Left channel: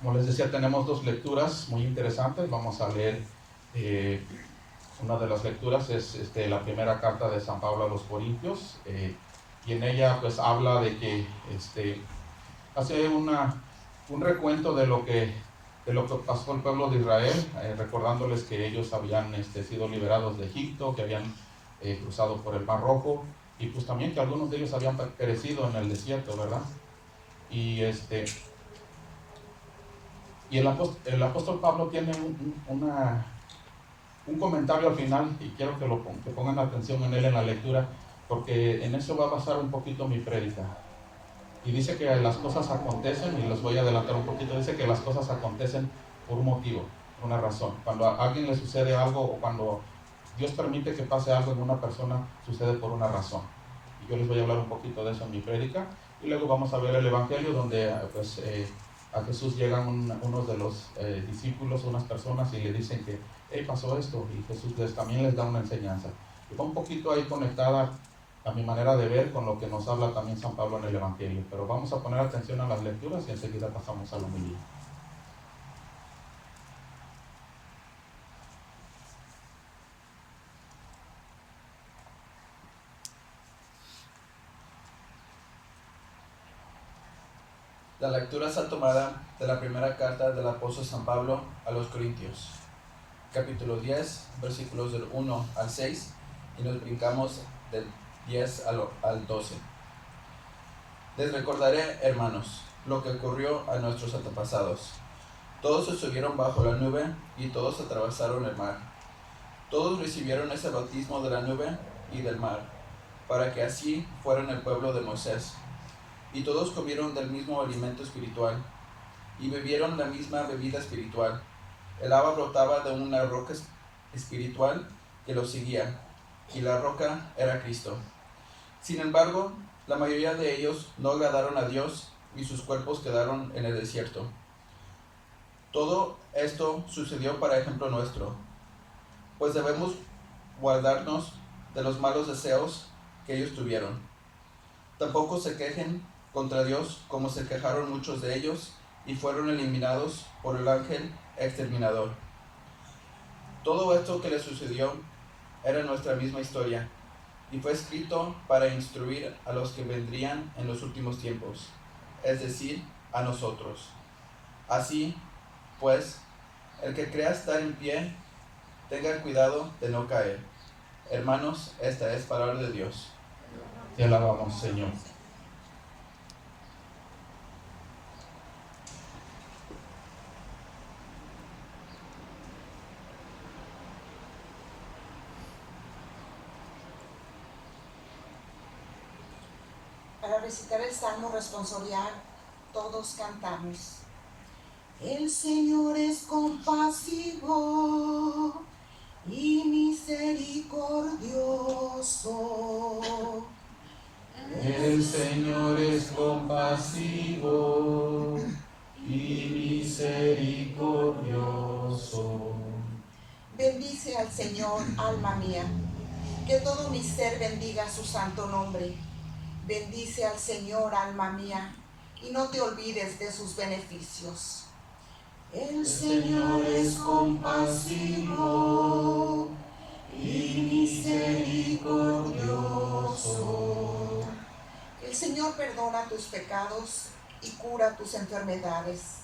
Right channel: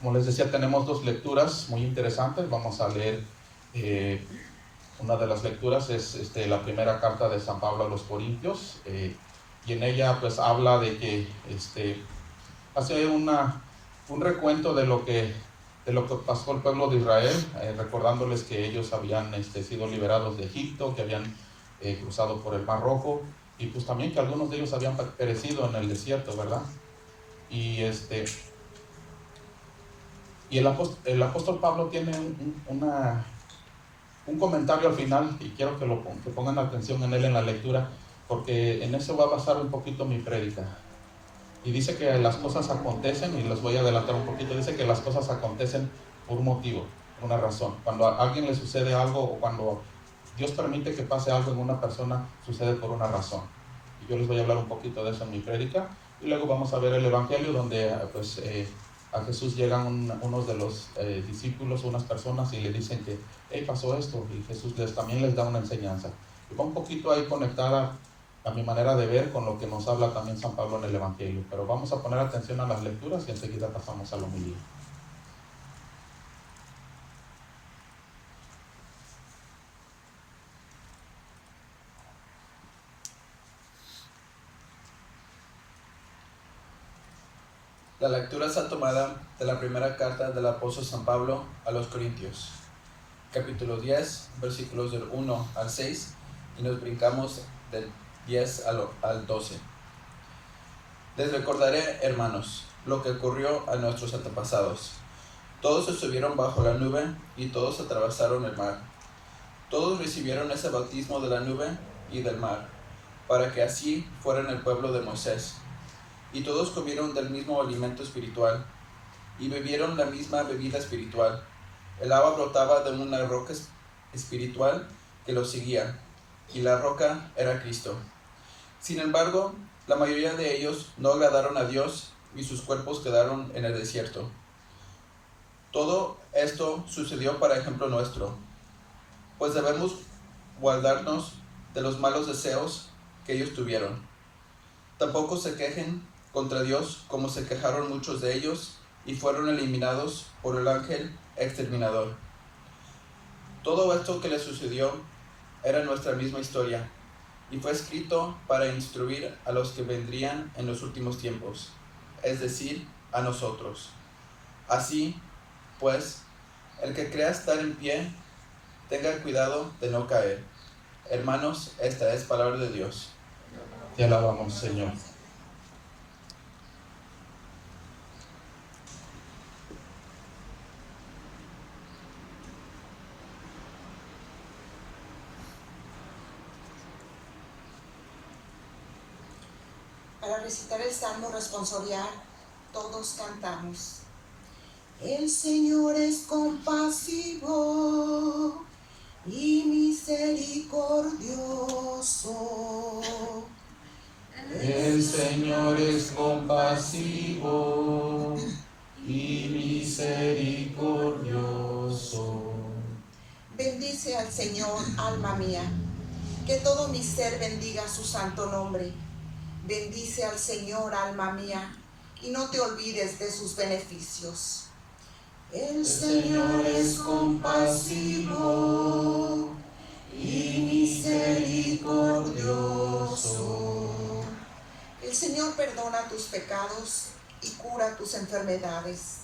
Como les decía, tenemos dos lecturas muy interesantes. Vamos a leer una de las lecturas, es la primera carta de San Pablo a los Corintios, y en ella pues habla de que hace un recuento de lo que pasó el pueblo de Israel, recordándoles que ellos habían sido liberados de Egipto, que habían cruzado por el Mar Rojo, y pues también que algunos de ellos habían perecido en el desierto, ¿verdad? Y el apóstol Pablo tiene un comentario al final, y quiero que pongan atención en él en la lectura, porque en eso va a basar un poquito mi prédica. Y dice que las cosas acontecen, y les voy a adelantar un poquito, dice que las cosas acontecen por un motivo, por una razón. Cuando a alguien le sucede algo, o cuando Dios permite que pase algo en una persona, sucede por una razón. Y yo les voy a hablar un poquito de eso en mi prédica, y luego vamos a ver el Evangelio, donde a Jesús llegan unos de los discípulos, unas personas, y le dicen que pasó esto, y Jesús también les da una enseñanza. Y va un poquito ahí conectada a mi manera de ver con lo que nos habla también San Pablo en el Evangelio. Pero vamos a poner atención a las lecturas y enseguida pasamos a la homilía. La lectura está tomada de la primera carta del apóstol San Pablo a los Corintios, capítulo 10, versículos del 1 al 6, y nos brincamos del 10 al 12. Les recordaré, hermanos, lo que ocurrió a nuestros antepasados. Todos estuvieron bajo la nube y todos atravesaron el mar. Todos recibieron ese bautismo de la nube y del mar, para que así fueran el pueblo de Moisés. Y todos comieron del mismo alimento espiritual, y bebieron la misma bebida espiritual. El agua brotaba de una roca espiritual que los seguía, y la roca era Cristo. Sin embargo, la mayoría de ellos no agradaron a Dios, y sus cuerpos quedaron en el desierto. Todo esto sucedió para ejemplo nuestro, pues debemos guardarnos de los malos deseos que ellos tuvieron. Tampoco se quejen contra Dios como se quejaron muchos de ellos y fueron eliminados por el ángel exterminador. Todo esto que les sucedió era nuestra misma historia y fue escrito para instruir a los que vendrían en los últimos tiempos, es decir, a nosotros. Así, pues, el que crea estar en pie, tenga cuidado de no caer. Hermanos, esta es palabra de Dios. Te alabamos, Señor. Para recitar el Salmo responsorial, todos cantamos. El Señor es compasivo y misericordioso. El Señor es compasivo y misericordioso. Bendice al Señor, alma mía, que todo mi ser bendiga su santo nombre. Bendice al Señor, alma mía, y no te olvides de sus beneficios. El Señor es compasivo y misericordioso. El Señor perdona tus pecados y cura tus enfermedades.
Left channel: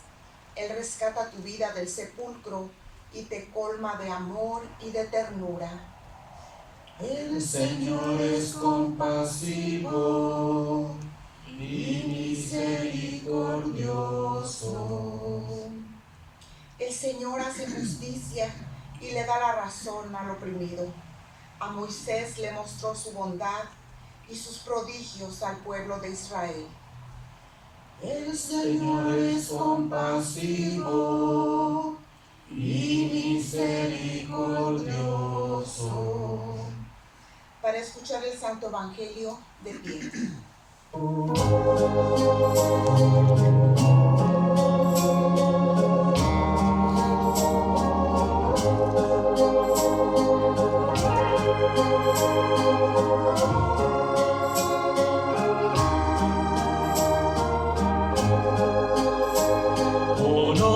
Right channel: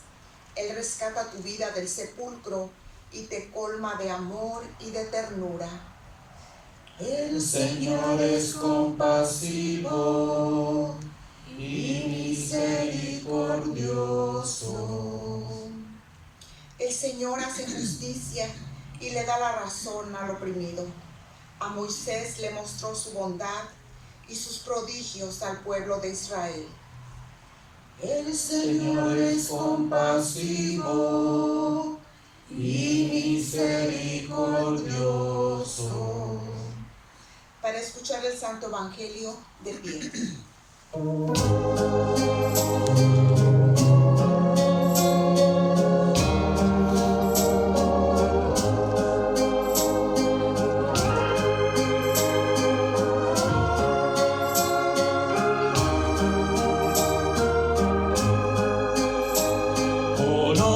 Él rescata tu vida del sepulcro y te colma de amor y de ternura. El Señor es compasivo y misericordioso. El Señor hace justicia y le da la razón al oprimido. A Moisés le mostró su bondad y sus prodigios al pueblo de Israel. El Señor es compasivo y misericordioso. Para escuchar el Santo Evangelio de pie. Honor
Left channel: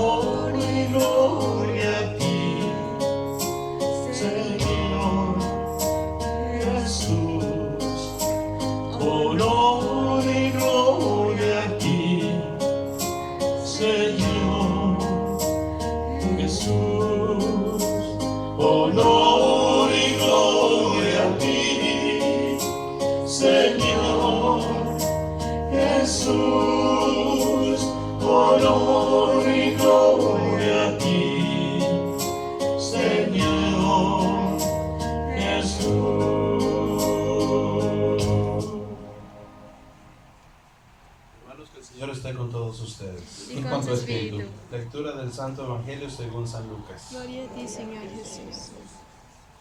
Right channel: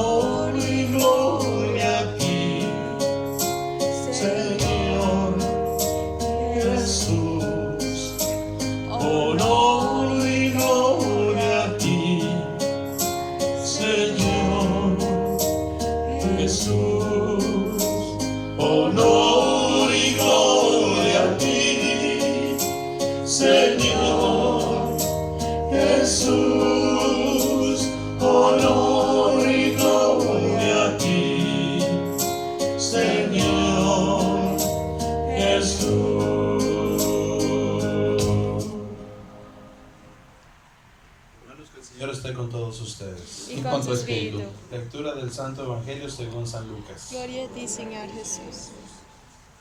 Señor esté con todos ustedes. Y con tu espíritu. Lectura del Santo Evangelio según San Lucas. Gloria a ti, Señor Jesús.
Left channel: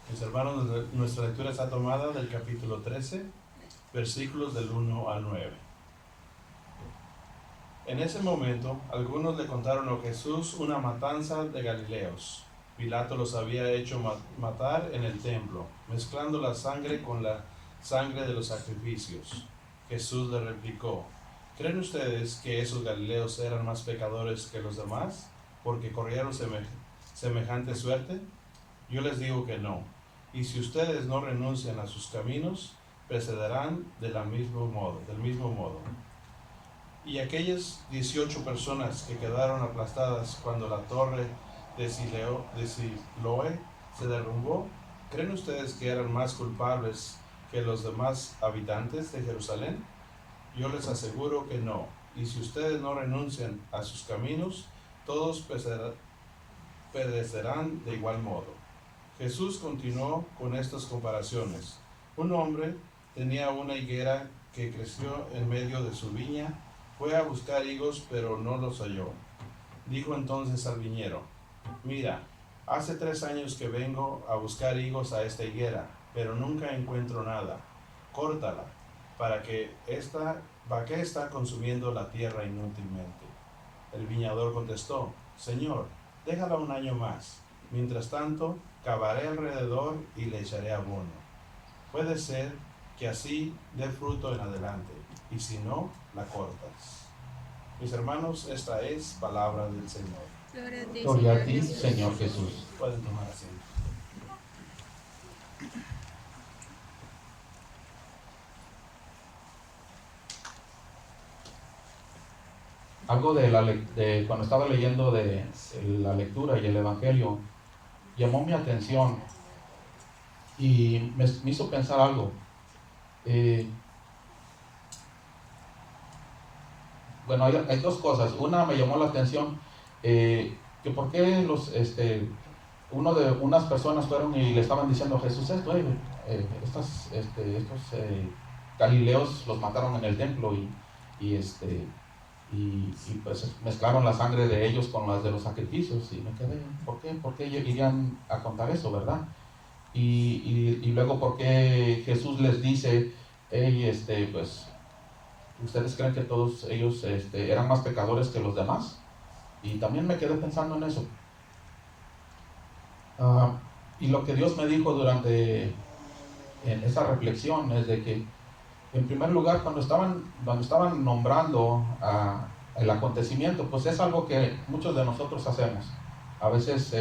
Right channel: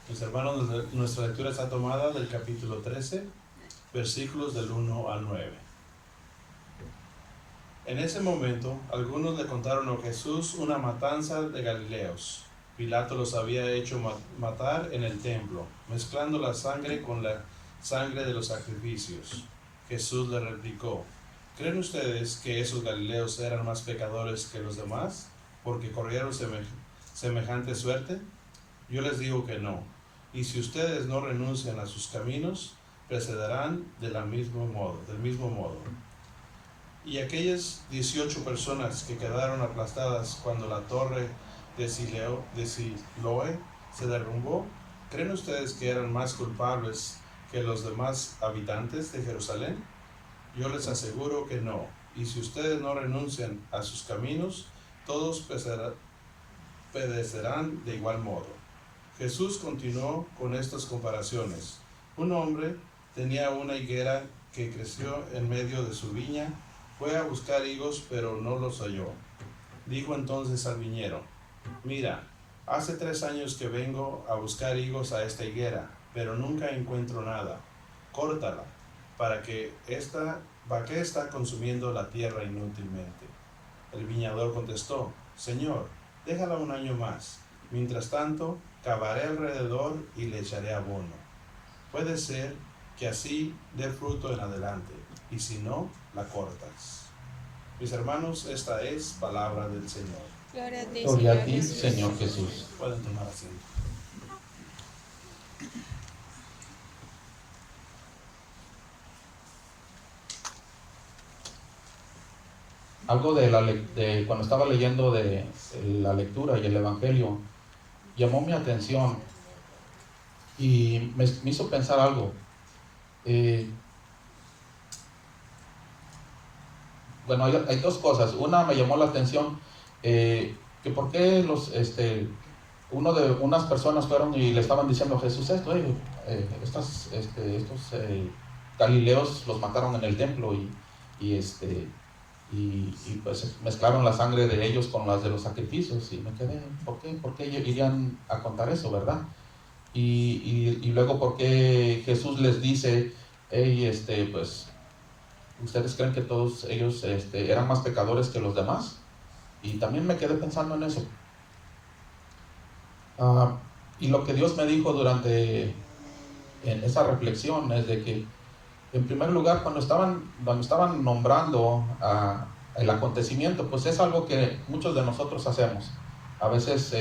Mis hermanos, nuestra lectura está tomada del capítulo 13, versículos del 1 al 9. En ese momento, algunos le contaron a Jesús una matanza de Galileos. Pilato los había hecho matar en el templo, mezclando la sangre con la sangre de los sacrificios. Jesús le replicó: ¿creen ustedes que esos galileos eran más pecadores que los demás, porque corrieron semejante suerte? Yo les digo que no. Y si ustedes no renuncian a sus caminos, procederán del mismo modo. Y aquellas 18 personas que quedaron aplastadas cuando la torre de Siloé se derrumbó, ¿creen ustedes que eran más culpables que los demás habitantes de Jerusalén? Yo les aseguro que no. Y si ustedes no renuncian a sus caminos, todos perecerán de igual modo. Jesús continuó con estas comparaciones. Un hombre tenía una higuera que creció en medio de su viña. Fue a buscar higos, pero no los halló. Dijo entonces al viñero: mira, hace 3 años que vengo a buscar higos a esta higuera, pero nunca encuentro nada. Córtala, ¿para qué está consumiendo la tierra inútilmente? El viñador contestó: Señor, déjala 1 año más. Mientras tanto, cavaré alrededor y le echaré abono. Puede ser que así dé fruto en adelante, y si no, la cortas. Mis hermanos, esta es palabra del Señor. Gloria a ti, Gloria a Señor ti, Jesús. Señor Jesús. Pueden tomar asiento. Algo de cuando estaba leyendo de la lectura y el Evangelio, llamó mi atención y me hizo pensar algo. Bueno, hay 2 cosas. Una, me llamó la atención que por qué unas personas fueron y le estaban diciendo a Jesús esto: estos galileos los mataron en el templo y pues mezclaron la sangre de ellos con las de los sacrificios. Y me quedé, ¿por qué irían a contar eso, verdad? Y luego, ¿por qué Jesús les dice: pues ustedes creen que todos ellos eran más pecadores que los demás? Y también me quedé pensando en eso. Y lo que Dios me dijo durante en esa reflexión es de que, en primer lugar, cuando estaban nombrando el acontecimiento, pues es algo que muchos de nosotros hacemos. A veces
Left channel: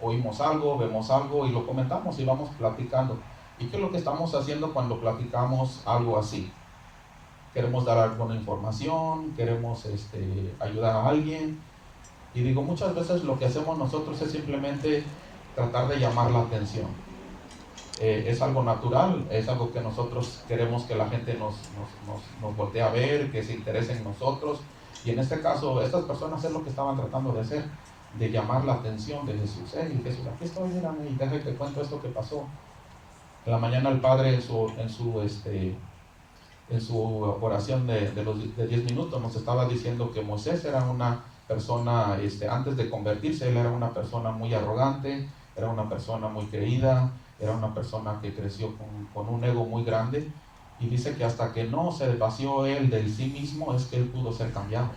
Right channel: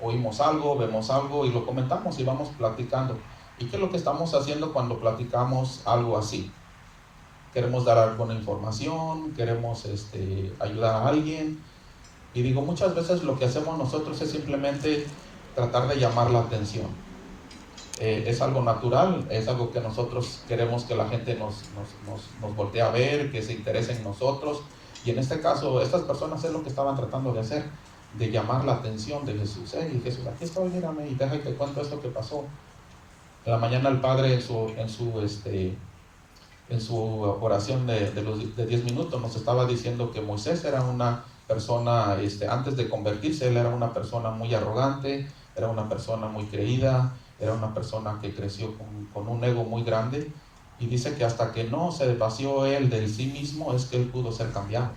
oímos algo, vemos algo y lo comentamos y vamos platicando. ¿Y qué es lo que estamos haciendo cuando platicamos algo así? Queremos dar alguna información, queremos ayudar a alguien. Y digo, muchas veces lo que hacemos nosotros es simplemente tratar de llamar la atención. Es algo natural, es algo que nosotros queremos que la gente nos voltee a ver, que se interese en nosotros. Y en este caso, estas personas es lo que estaban tratando de hacer, de llamar la atención de Jesús. Jesús, aquí estoy, mírame, y deja que cuento esto que pasó. En la mañana el Padre en su oración de 10 minutos nos estaba diciendo que Moisés era una persona, antes de convertirse, él era una persona muy arrogante, era una persona muy creída, era una persona que creció con un ego muy grande, y dice que hasta que no se vació él de sí mismo es que él pudo ser cambiado.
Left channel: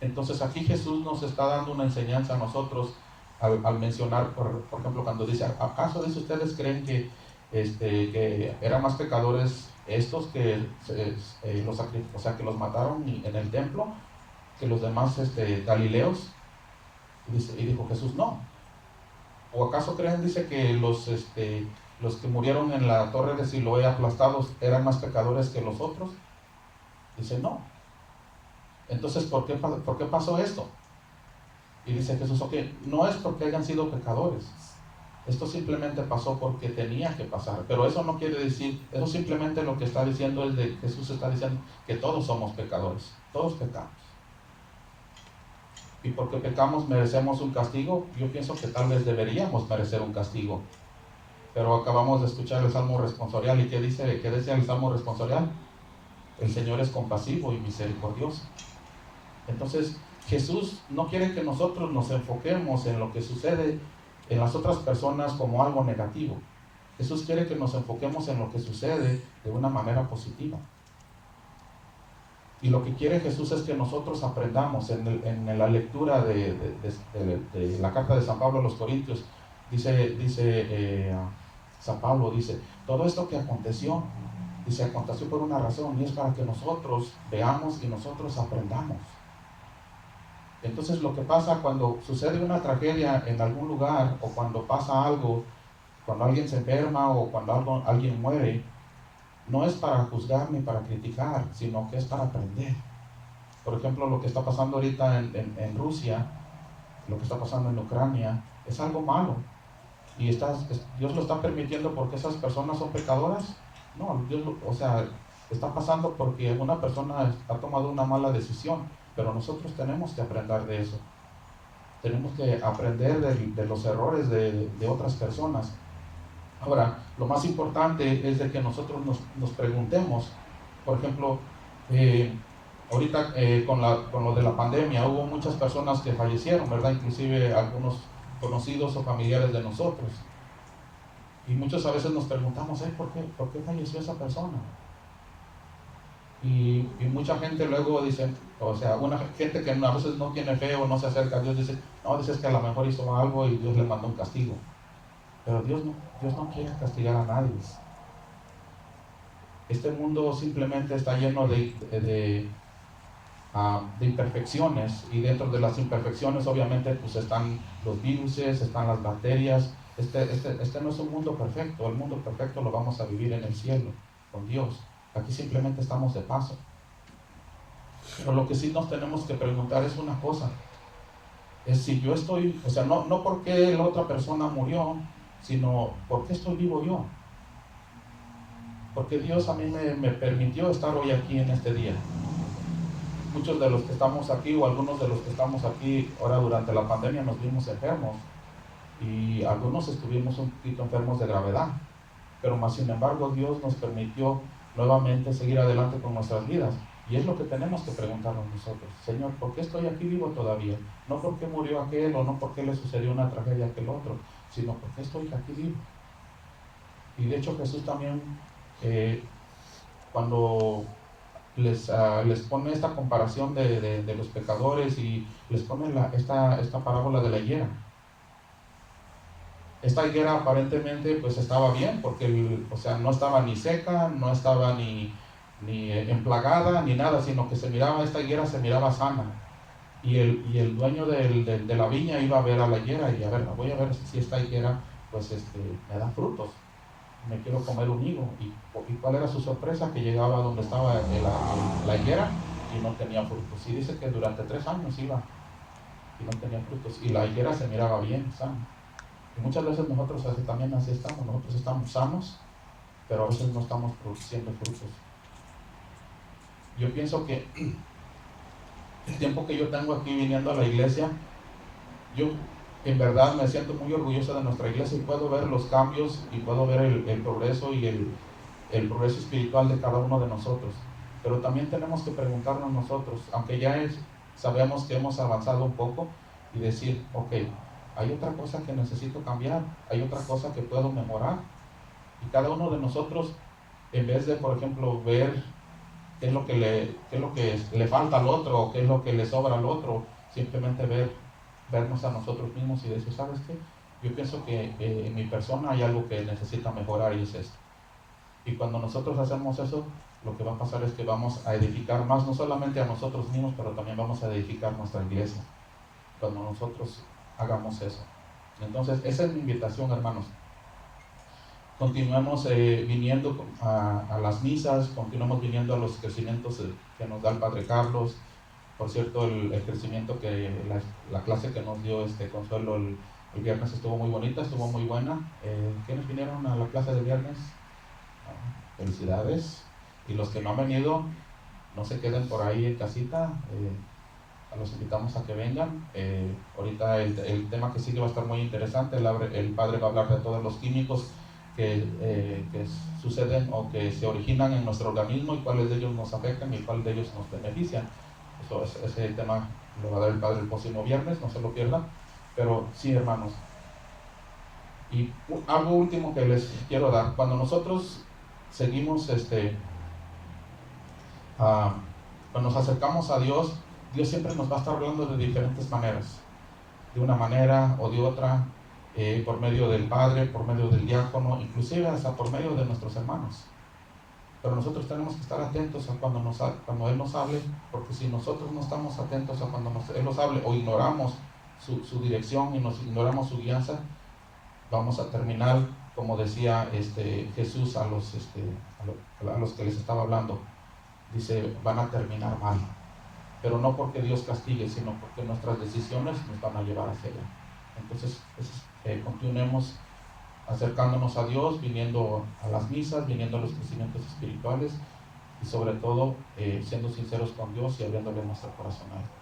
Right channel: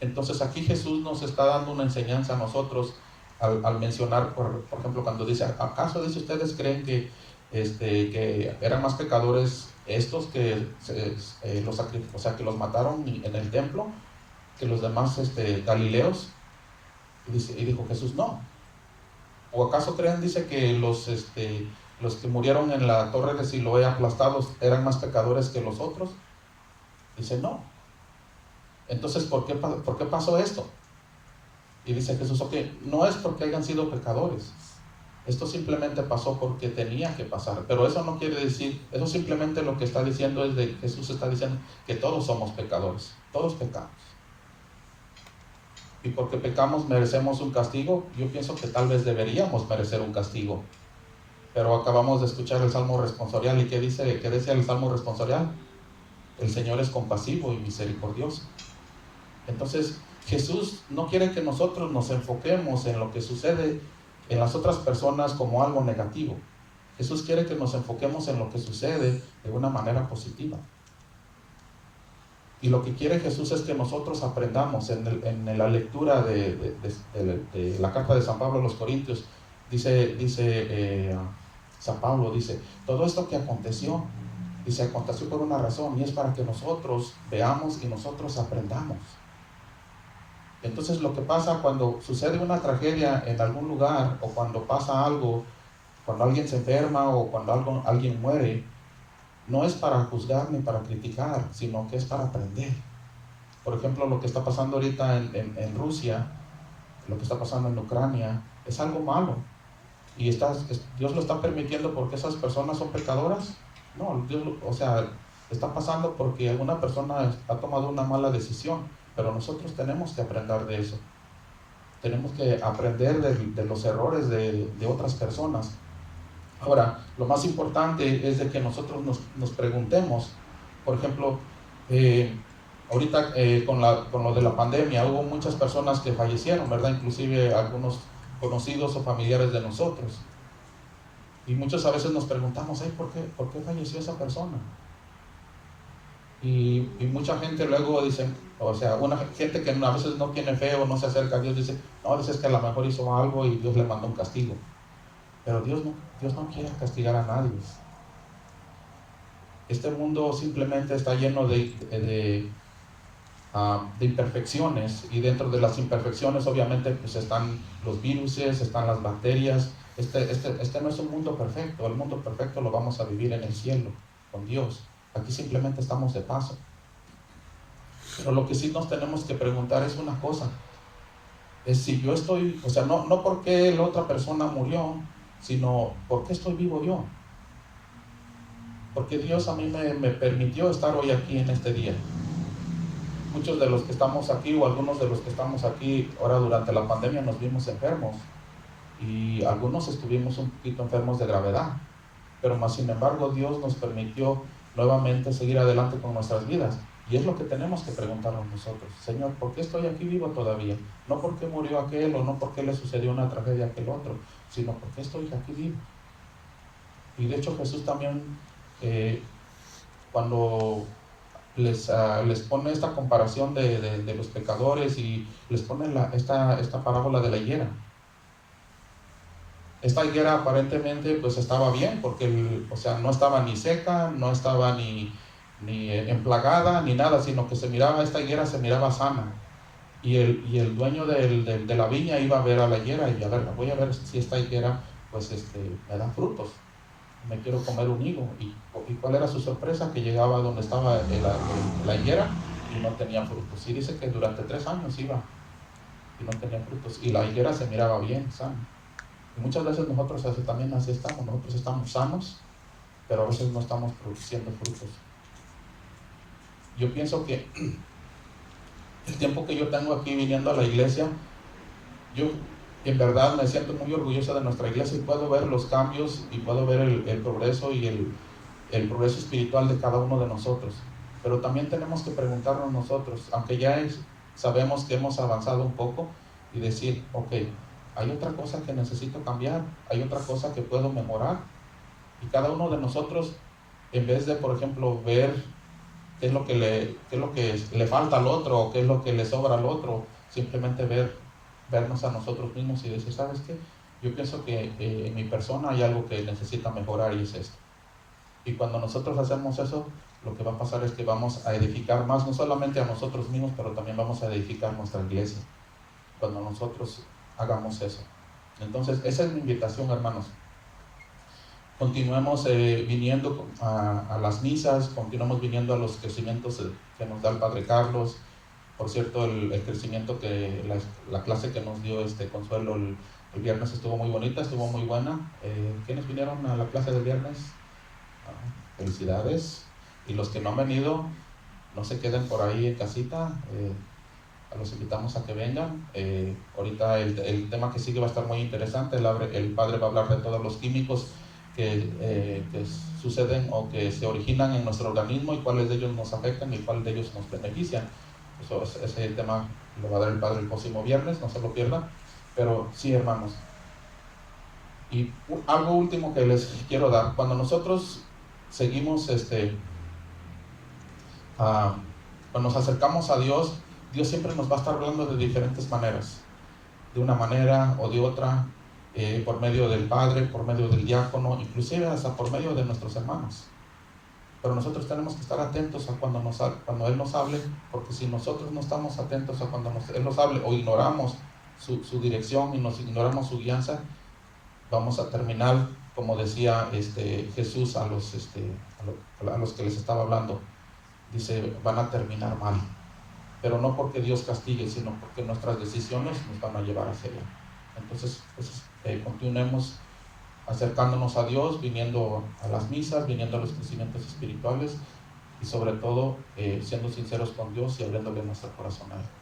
Entonces aquí Jesús nos está dando una enseñanza a nosotros al mencionar, por ejemplo, cuando dice: ¿acaso ustedes creen que eran más pecadores estos que que los mataron en el templo que los demás galileos? Y dijo Jesús: no. ¿O acaso creen, dice, que los que murieron en la torre de Siloé aplastados eran más pecadores que los otros? Dice: no. Entonces, ¿por qué pasó esto? Y dice Jesús: ok, no es porque hayan sido pecadores. Esto simplemente pasó porque tenía que pasar. Pero eso no quiere decir, eso simplemente lo que está diciendo es Jesús está diciendo que todos somos pecadores. Todos pecamos. Y porque pecamos merecemos un castigo. Yo pienso que tal vez deberíamos merecer un castigo. Pero acabamos de escuchar el Salmo responsorial. ¿Y qué dice el Salmo responsorial? el Señor es compasivo y misericordioso. Entonces, Jesús no quiere que nosotros nos enfoquemos en lo que sucede en las otras personas como algo negativo. Jesús quiere que nos enfoquemos en lo que sucede de una manera positiva. Y lo que quiere Jesús es que nosotros aprendamos en la lectura de la carta de San Pablo a los Corintios. San Pablo dice, todo esto que aconteció, dice, aconteció por una razón, y es para que nosotros veamos y nosotros aprendamos. Entonces, lo que pasa cuando sucede una tragedia en algún lugar, o cuando pasa algo, cuando alguien se enferma o cuando alguien muere, no es para juzgar ni para criticar, sino que es para aprender. Por ejemplo, lo que está pasando ahorita en Rusia, lo que está pasando en Ucrania, es algo malo. ¿Y Dios lo está permitiendo porque esas personas son pecadoras? No, está pasando porque alguna persona ha tomado una mala decisión, pero nosotros tenemos que aprender de eso. Tenemos que aprender de los errores de otras personas. Ahora, lo más importante es de que nosotros nos preguntemos, por ejemplo, ahorita con lo de la pandemia hubo muchas personas que fallecieron, ¿verdad? Inclusive algunos conocidos o familiares de nosotros. Y muchos a veces nos preguntamos, ¿por qué falleció esa persona? Y mucha gente luego dice, una gente que a veces no tiene fe o no se acerca a Dios, dice es que a lo mejor hizo algo y Dios le mandó un castigo. Pero Dios no quiere castigar a nadie. Este mundo simplemente está lleno de imperfecciones, y dentro de las imperfecciones obviamente pues están los virus, están las bacterias. Este no es un mundo perfecto. El mundo perfecto lo vamos a vivir en el cielo con Dios. Aquí simplemente estamos de paso. Pero lo que sí nos tenemos que preguntar es una cosa, es si yo estoy, no porque la otra persona murió, sino ¿por qué estoy vivo yo? Porque Dios a mí me permitió estar hoy aquí en este día. Muchos de los que estamos aquí, o algunos de los que estamos aquí ahora durante la pandemia, nos vimos enfermos, y algunos estuvimos un poquito enfermos de gravedad, pero más sin embargo Dios nos permitió nuevamente seguir adelante con nuestras vidas. Y es lo que tenemos que preguntarnos nosotros: Señor, ¿por qué estoy aquí vivo todavía? No porque murió aquel, o no porque le sucedió una tragedia a aquel otro, sino porque estoy aquí vivo. Y de hecho Jesús también, cuando les pone esta comparación de los pecadores, y les pone esta parábola de la higuera. Esta higuera aparentemente pues estaba bien, porque no estaba ni seca, no estaba ni emplagada ni nada, sino que esta higuera se miraba sana. Y el dueño de la viña iba a ver a la higuera y voy a ver si esta higuera pues me da frutos, me quiero comer un higo. Y ¿cuál era su sorpresa? Que llegaba donde estaba la higuera y no tenía frutos. Y dice que durante 3 años iba y no tenía frutos, y la higuera se miraba bien, sana. Y muchas veces nosotros también así estamos. Nosotros estamos sanos, pero a veces no estamos produciendo frutos. Yo pienso que el tiempo que yo tengo aquí viniendo a la iglesia, yo en verdad me siento muy orgulloso de nuestra iglesia, y puedo ver los cambios, y puedo ver el progreso, y el progreso espiritual de cada uno de nosotros. Pero también tenemos que preguntarnos nosotros, aunque ya sabemos que hemos avanzado un poco, y decir, ok, hay otra cosa que necesito cambiar, hay otra cosa que puedo mejorar. Y cada uno de nosotros, en vez de, por ejemplo, ver qué es lo que le falta al otro, o qué es lo que le sobra al otro, simplemente vernos a nosotros mismos y decir, ¿sabes qué? Yo pienso que en mi persona hay algo que necesita mejorar, y es esto. Y cuando nosotros hacemos eso, lo que va a pasar es que vamos a edificar más, no solamente a nosotros mismos, pero también vamos a edificar nuestra iglesia, cuando nosotros hagamos eso. Entonces, esa es mi invitación, hermanos. Continuemos viniendo a las misas, continuemos viniendo a los crecimientos que nos da el Padre Carlos. Por cierto, el crecimiento la clase que nos dio Consuelo el viernes estuvo muy bonita, estuvo muy buena. ¿Quiénes vinieron a la clase del viernes? Felicidades. Y los que no han venido, no se queden por ahí en casita, los invitamos a que vengan. Ahorita el tema que sigue va a estar muy interesante. El Padre va a hablar de todos los químicos que suceden o que se originan en nuestro organismo y cuáles de ellos nos afectan y cuáles de ellos nos benefician. Ese tema lo va a dar el Padre el próximo viernes, no se lo pierdan. Pero sí, hermanos. Y algo último que les quiero dar: cuando nosotros seguimos, cuando nos acercamos a Dios, Dios siempre nos va a estar hablando de diferentes maneras, de una manera o de otra, por medio del Padre, por medio del diácono, inclusive hasta por medio de nuestros hermanos. Pero nosotros tenemos que estar atentos a cuando Él nos hable, porque si nosotros no estamos atentos a cuando Él nos hable o ignoramos su dirección y nos ignoramos su guianza, vamos a terminar, como decía Jesús a los que les estaba hablando, dice, van a terminar mal, pero no porque Dios castigue, sino porque nuestras decisiones nos van a llevar hacia allá. Entonces, continuemos acercándonos a Dios, viniendo a las misas, viniendo a los crecimientos espirituales y sobre todo siendo sinceros con Dios y abriéndole nuestro corazón a Él.